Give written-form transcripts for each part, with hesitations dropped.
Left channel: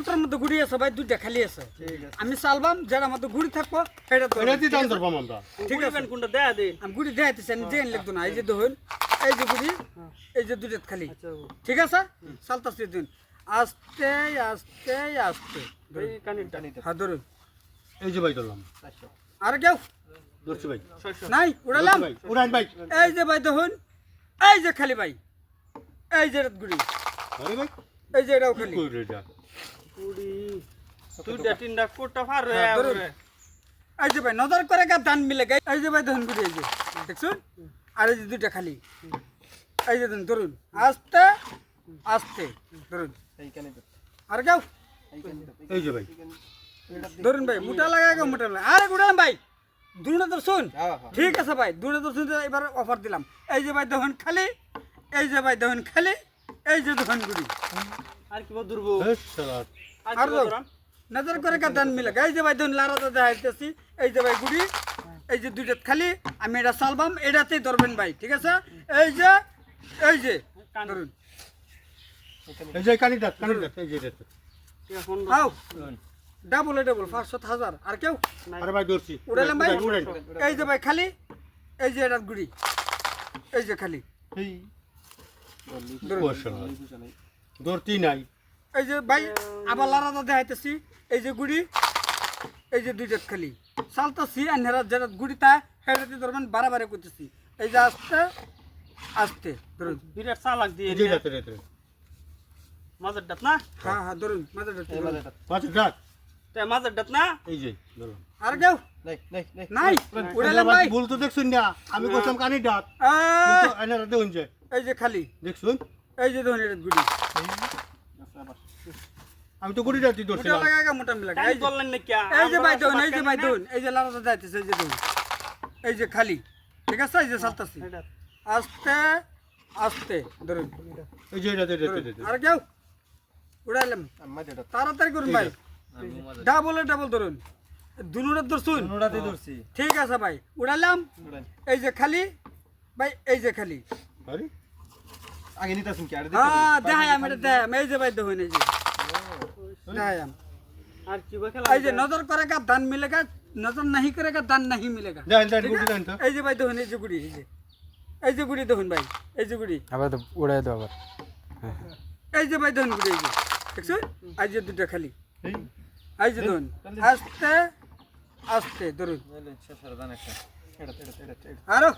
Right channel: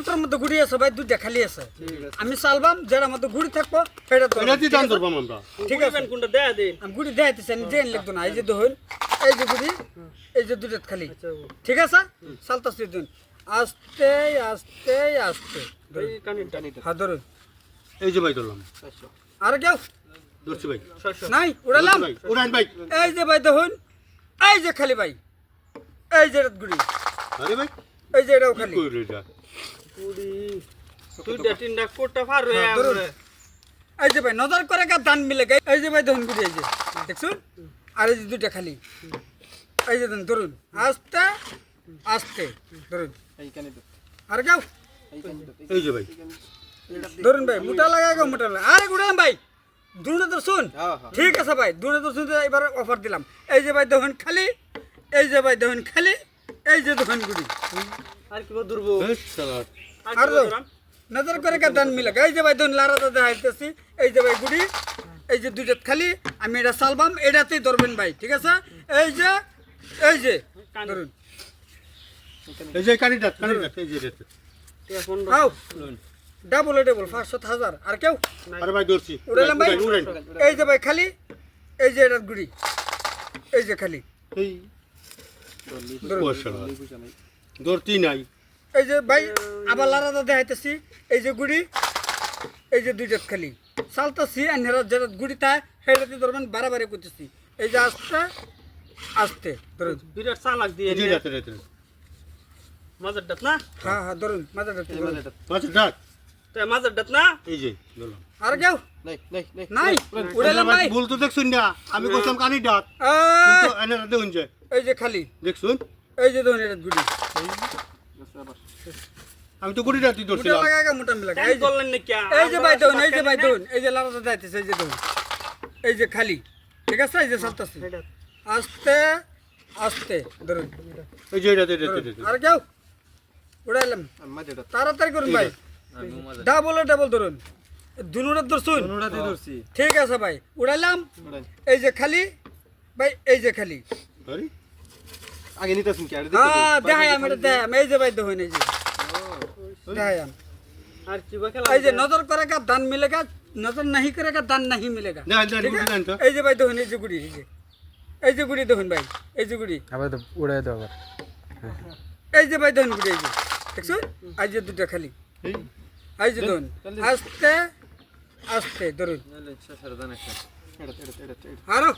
বুটার মধ্যে গুড়ি আছে ভাই, দুইটা খালি আছে। আমি চালবাম, যেটার মধ্যে গুড়ি থাকবো সেটা এটা দি দান ধরবাম আমরা। ঠিক আছে, কোনটা দেয়া দে। আমি গুড়ি দেখাইতেছি, আমি জেন লিখতো না। এই যে দেখুন, এই যে গুড়ি, এই যে দুইটা খালি, ঠিক আছে? চালতাছি দিন, আস্তে আস্তে আস্তে। এই কানিটা হ্যাঁ ধরুন, এই যে ভাই ধরলাম। আর কেউ ধরছি ভাই। নাই? উড়ালাম ভাই উড়ান ভাই। এই যে ভাই দেখুন, এই যে খালি ভাই, এই যে গুড়ি, আরে ভাই এই যে এটাও খালি। কই রে যা। কুড়ি দুইটা তিনটা কোটা পার হয়ে হ্যাঁ, ধরুন। আসবে। এই যে ভাই নজর করে গা ধান মিলে গে, এই যে ভাই দেখুন গুড়ি, এই যে দেখছুন, আর এই যে দুইটা খালি, এই যে ধরুন, ধরুন আস্তে আস্তে ধরুন। আর কেউ এই যে ভাই। ধরুন ভাই, মোটা লাগা গো, মোটা লাগা। আরে গুড়াম ভাই, দুটো তো শুন, ঠিক আছে ভাই, দুটো তো শুনতে এবার অফার দিলাম। এই যে ভাই দেখুন খালি, এই যে ভাই দেখুন খালি, এই যে দেখুন গুড়ি, আর কি ধরবো? এই শালা। আর আর কি ধরুন। ধরাম? নজর করে গা ধান মিলে গে, এই যে ভাই দেখুন লারাতে দেখাইতেছি, এই যে ভাই গুড়ি, এই যে দুইটা খালি, আমি এটা চালবাম, এটাতেই ধরবেন ভাই, ঠিক আছে? এই যে, এই যে ধরুন, এই যে কানিটা এই যে এটা। টিয়া 15 হাও ডাবল ডাবল 500,000। আর কেউ আরে ভাই ধরছি। উড়ালাম ভাই, উড়ান। এই যে ভাই খালি, এই যে এটা গুড়ি, এই যে খালি এই ধরুন। ও শালা। ধরতি নাই। এই যে ভাই আবার লারাদা দেখাইতেছি, এই যে গুড়ি, এই যে দুইটা খালি চালতাছি, আন্ধারা যেটা গুড়ি তা সেটাতে ধরবেন, বাড়াবাড়ি করতেছি। এই যে আস্তে আস্তে ধরুন। বিরাট চালাক দিয়ে এই যে নে। রাতে রাতে। মাঝের ডাত না? হ্যাঁ হ্যাঁ ধরুন, মাথাটা ধরুন। আচ্ছা ডাক। তে মাঝের ডাত না? এই যে ধরলাম। আর কেউ নাই? উড়ালাম ভাই, ভুল তো দেখছুন না। আমি কইতাম কানি ডাক। এই, কিন্তু এনে দেখুন যে এই যে খালি, দেখছুন। এই যে ধরুন এটা গুড়ি, আমি তো গুড়ি রাতি মোটা ধরছিলাম। লাগা মোটা মিলা। কান এই যে করলেন নাকি? এই যে ভাই দেখুন, এই যে ভাই দেখুন, এই যে লারাদা দেখাইতেছে, এই যে দেখুন, এই যে খালি, ঠিক আছে? এই যে চালতাছি আস্তে আস্তে ধরুন। এই যে রাতে ধরুন। রাতে। আর কেউ উড়াইলাম, তাড়াতাড়ি করুন ভাই, ডাবলে ডাবল ধরুন, দুনুটা ধরছুন, ঠিক আছে ভাই? উড়াইলাম, এই যে খালি ভাই, এই যে খালি, আরে আগে নিতেছেন কি আর হ্যাঁ দেখায়াম, এটা দেখায়াম, এই যে ভাই দেখুন, এই যে দেখায়াম। আর কি বা খেলা? এই যে নজর করেগা দান মিলেগা, নজর नहीं करेगा दान नहीं मिलेगा। দেন দেন ঠিক গুড়ি আছে? দেন তো। এই যে ভাই দেখুন, এই যে গুড়ি, এই যে গুড়ি দেখুন ভাই, এই যে গুড়ি, আবার তো উড়াই দাও আবার এই যে ভাই দেখুন গুড়ি, এই যে দেখছো, এই যে দুটো খালি, এই যে ধরুন আস্তে আস্তে ধরুন। আরো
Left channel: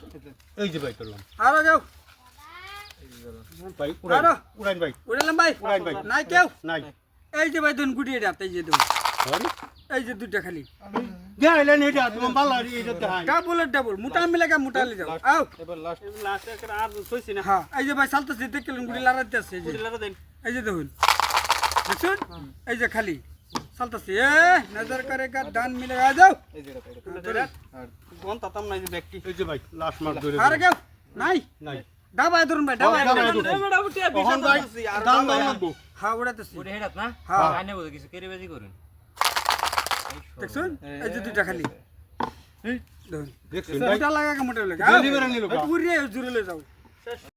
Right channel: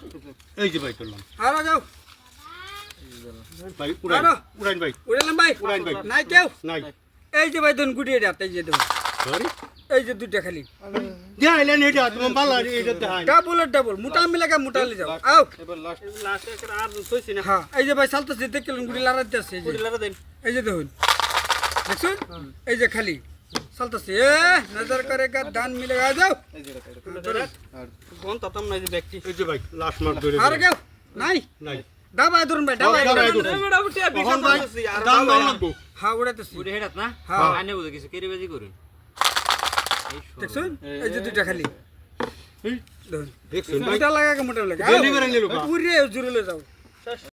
এই যে ভাই ধরলাম। আরো যাও, ভাই উড়ান। আরো উড়ান ভাই। উড়ালাম ভাই, উড়ান ভাই। নাই কেউ? নাই। এই যে ভাই দেখুন গুড়ি, এটা এই যে দেখুন, আরে এই যে দুটো খালি, দেখাইলেন এটা তোমার বালা এটা দেখাই। ডাবল ডাবল, মোটা মিলেগা মোটা লে যাও, আও। এবার লাস্ট লাস্ট একটা আর কইছি না। হ্যাঁ এই যে ভাই চালতেছে, দেখলেন গুড়ি লাগাতে আছে, এই যে কুড়ি লাগা দেন। এই যে দেখুন, দেখছুন, এই যে খালি চালতেছে। এ নজর করেগা দান মিলেগা, আ যাও। এই যে ধরুন। গন তাতাম নাই যে ব্যক্তি। এই যে ভাই লাস্ট মার্ক ধরে। আর কেউ নাই? নাই। দাবায় ধরুন ভাই, দাবায় দাবায় ধরুন। ধরুন। এবারে উঠে তখন ভাই বিশাল আর দাম দাম লাগবো। হ্যাঁ উড়াইতেছি, উড়ে হেডাত না হ্যাঁ আনে বুঝে কিছু কেরিবাজি করুন দেখছুন, এই যে দুইটা খালি এই ধরুন, দেখছেন ভাই। মোটা লাগা মোটা লাগা, ডেলিভারি নিলো কা? পুরে জুড়ে যাও।